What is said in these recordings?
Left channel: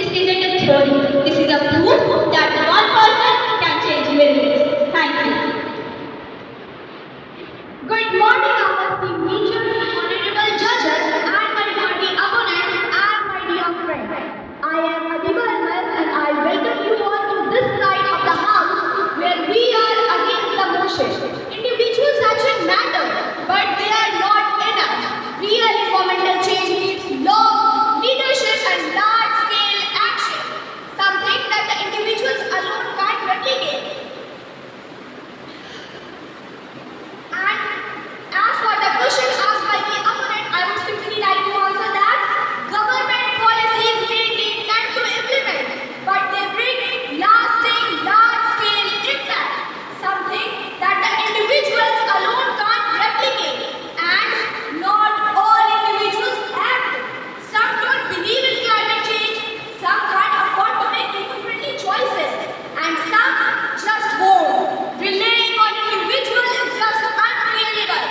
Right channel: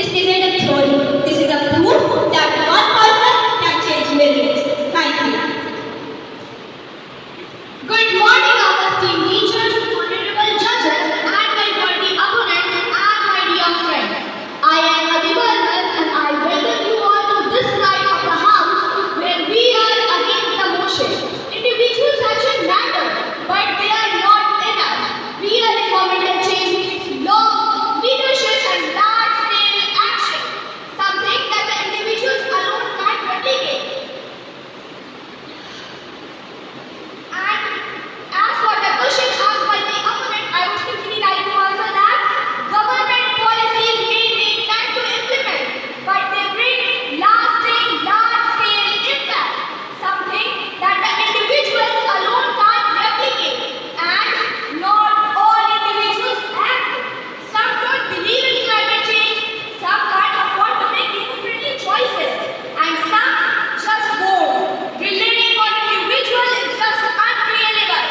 This isn't a theory. This is a proof that one person can change millions. Thank you. Good morning, our esteemed teachers, honorable judges, and my worthy opponents, and my dear friends. I am Adiba and I welcome you all to this side of the house where we are against the motion. Individuals action matter, but they are not enough. Real environmental change needs law, leadership, and large-scale action. Something that the individuals alone can't replicate. And as for the question asked by the opponent, I would simply like to answer that government policies may take time to implement, but they bring lasting, large-scale impact, something that the individuals alone can't replicate. And not all individuals act. Some don't believe in climate change, some can't afford to make eco-friendly choices, and some just won't. Relying on individual is just unreliable.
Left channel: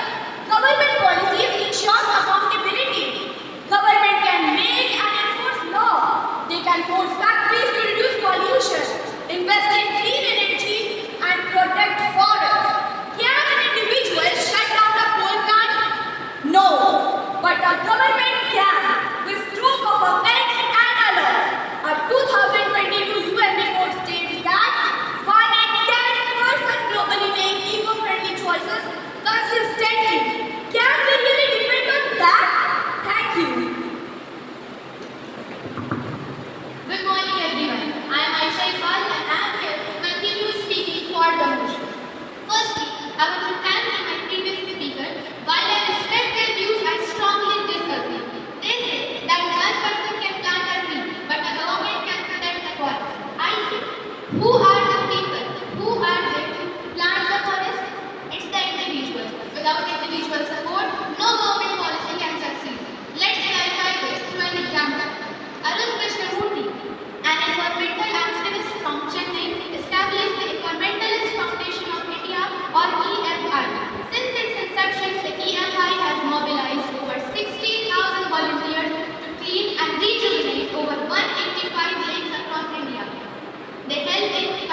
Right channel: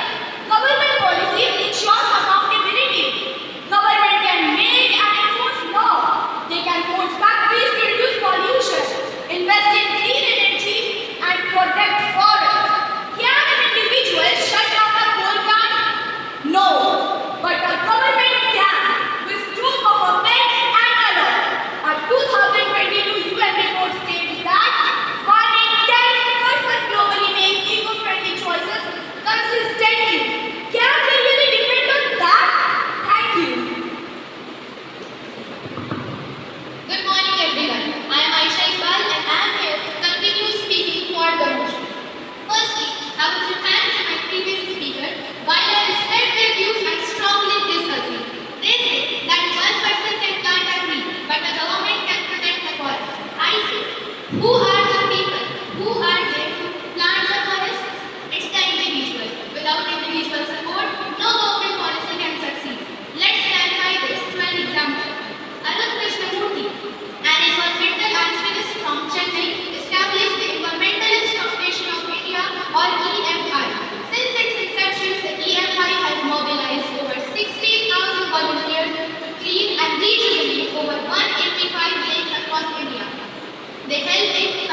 Government policies ensures accountability. Government can make and enforce law. They can force factories to reduce pollution, invest in clean energy, and protect forests. Can an individual shut down a coal plant? No, but the government can, with stroke of a pen and a law. A 2022 UN report states that 1 in 10 globally make eco-friendly choices consistently. Can we really depend on that? Thank you. Good morning, everyone. I am Aisha Iqbal and I am here to continue speaking for the motion. Firstly, I would thank my previous speaker. While I respect their views and strongly disagree, they say that one person can plant a tree, but the government can protect the forest. I say, who are the people? Who are there to plant the forest? It's the individual. Without individual support, no government policy can succeed. Let's clarify this through an example. Arun Krishnamurthy, an environmental activist from Chennai, established the Environmentalist Foundation of India or EFI. Since its inception, the EFI has mobilized over 16,000 volunteers to clean and rejuvenate over 185 lakes across India. They help in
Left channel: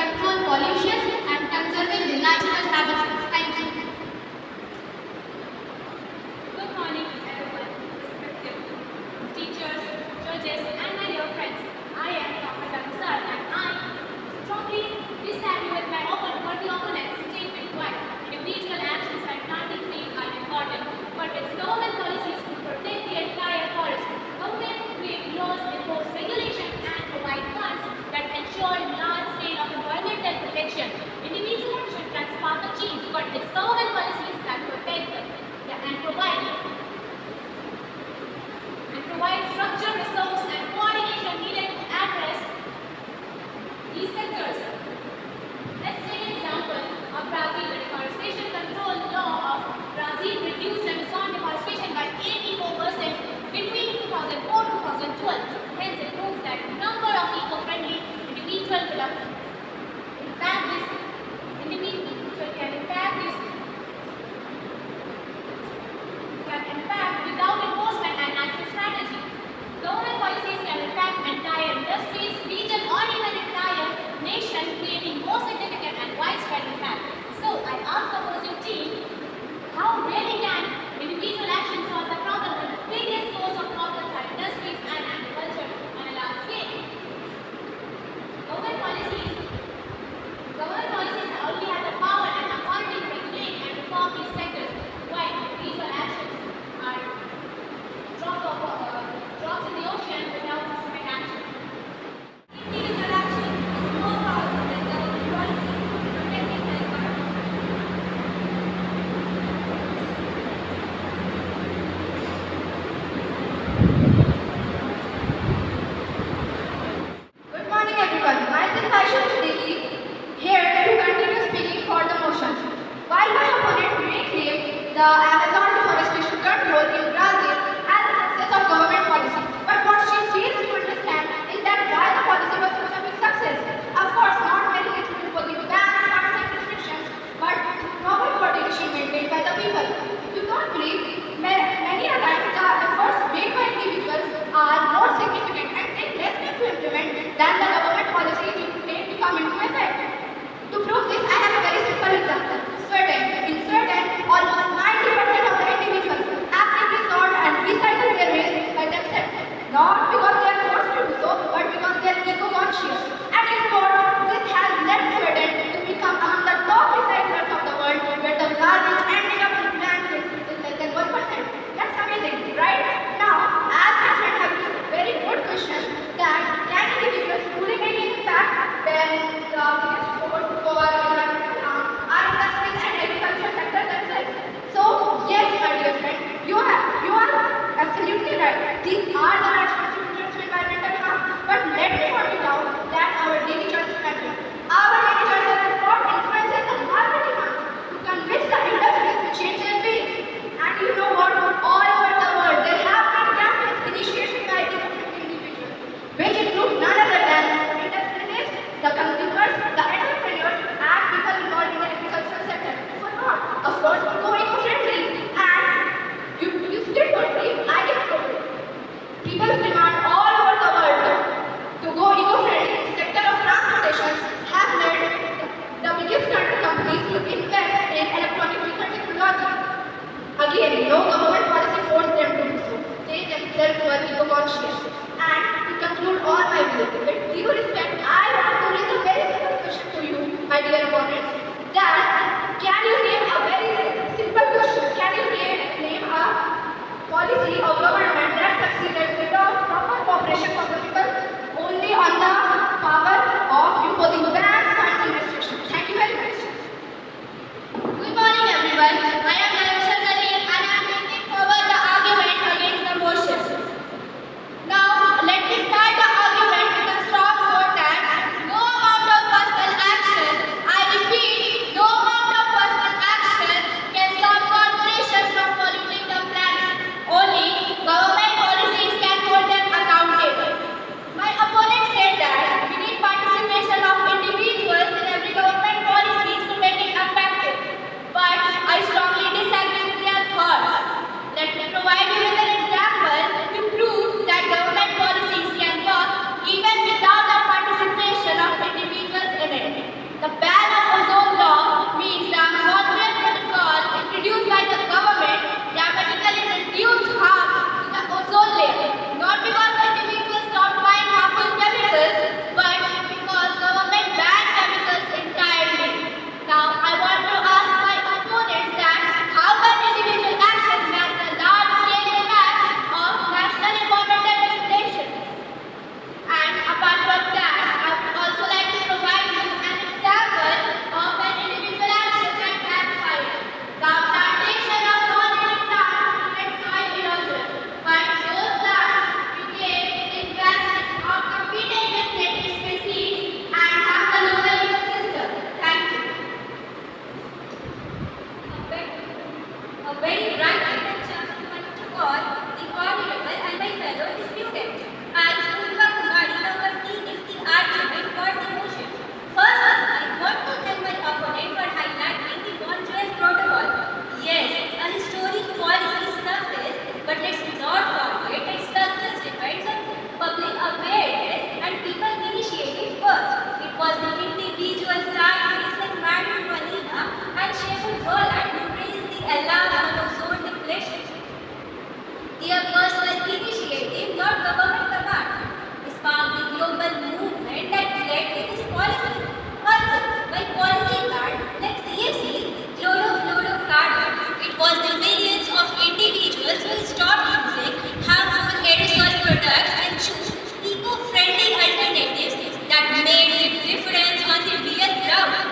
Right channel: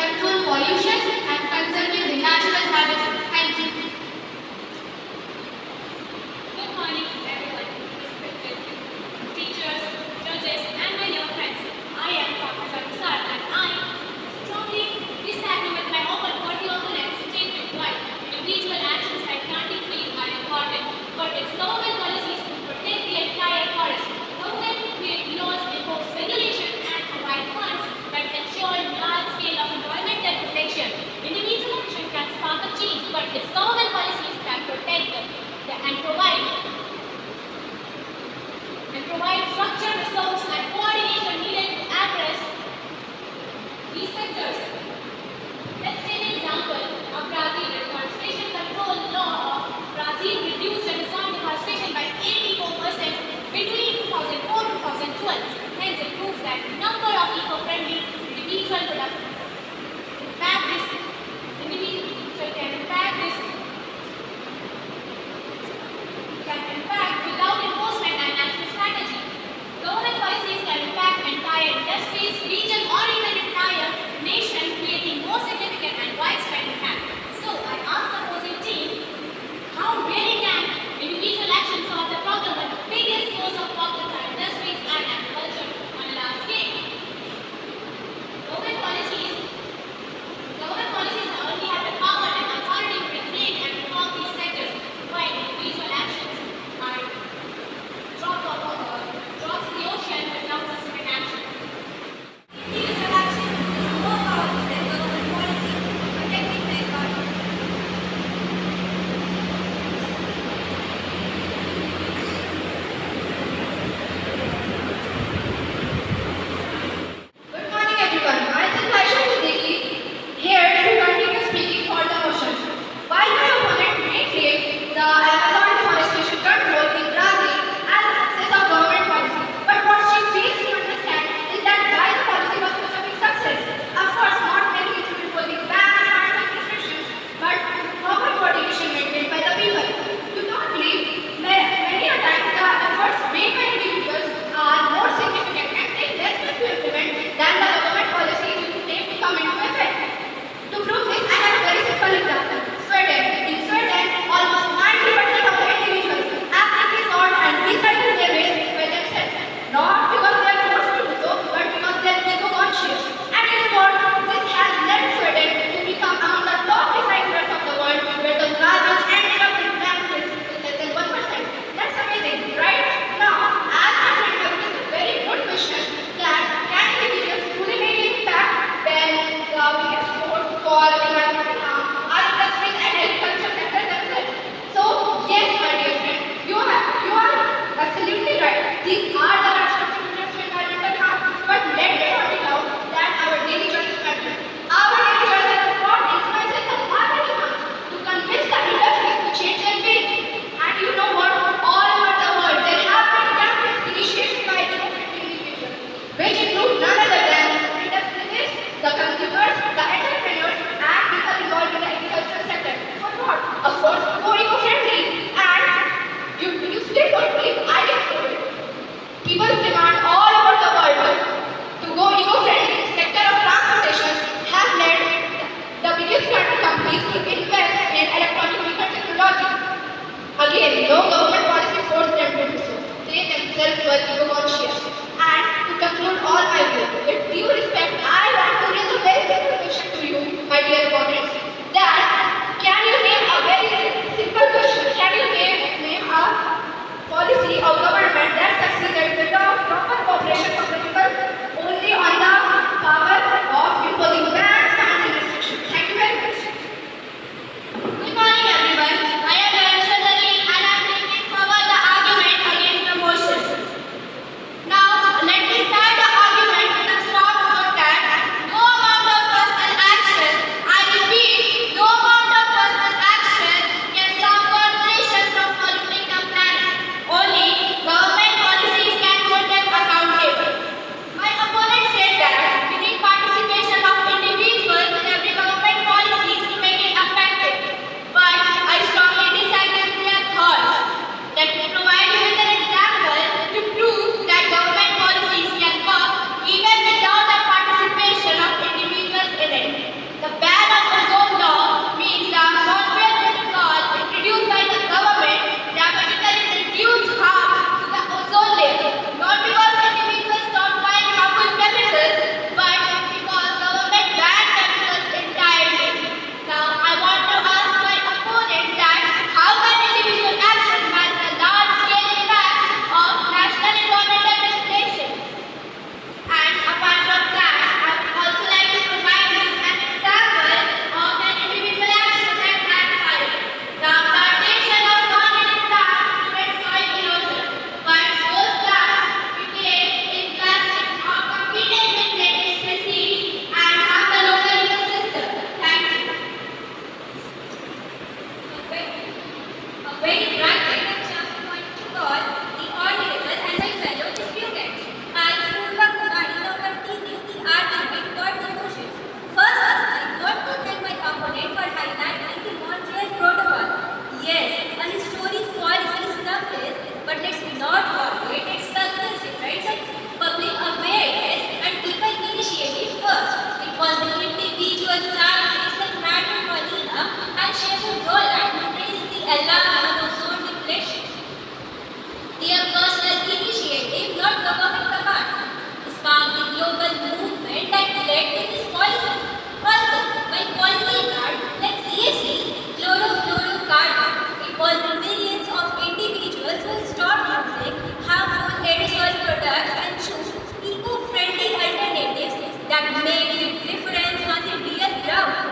that made the difference on the real ground.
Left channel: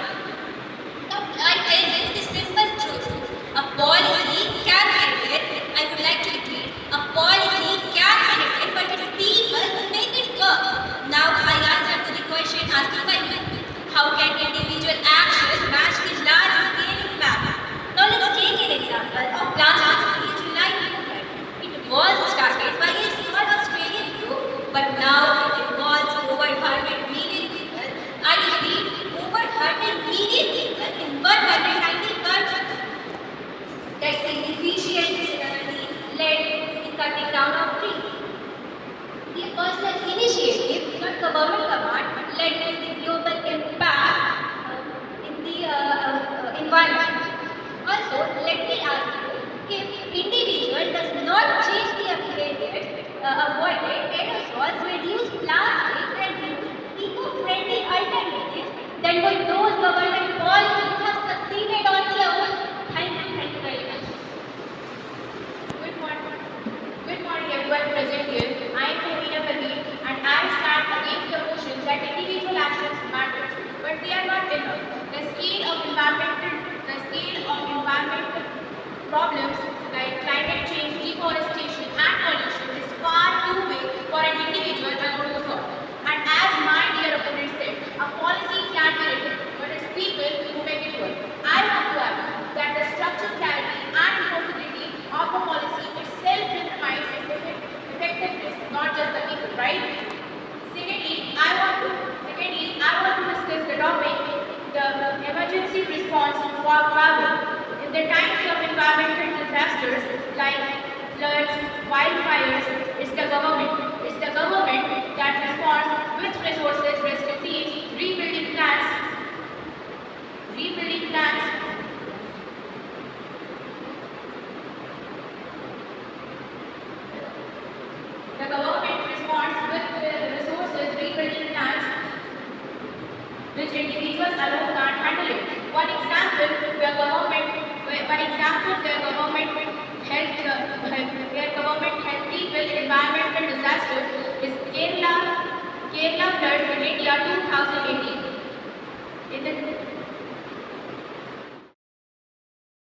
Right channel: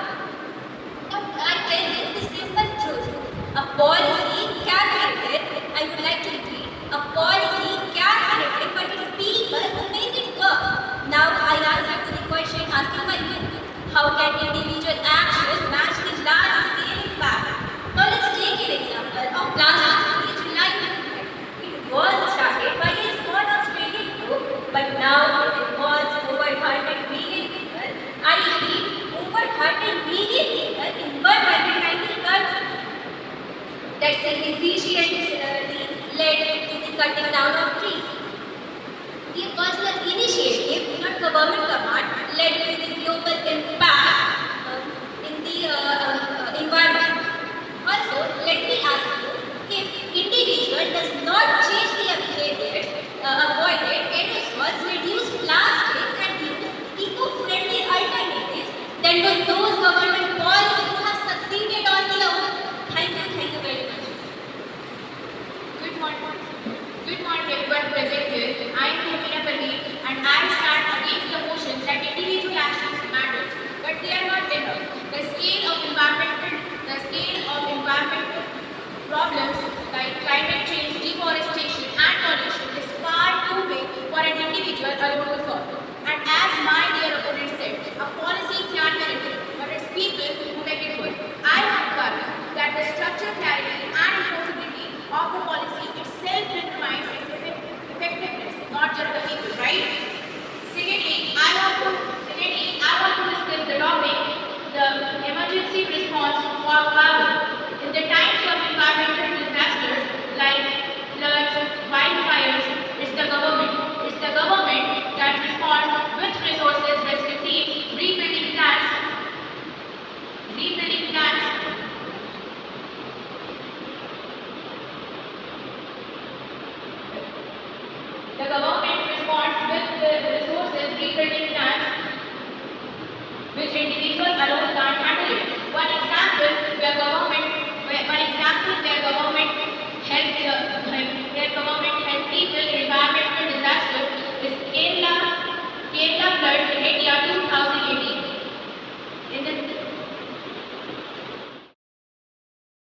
Now, I tell you the simple truth. A policy can be written, I would like to repeat, a policy can be written, but it's people who make it work. Now, I answer to the question asked by you. How can individuals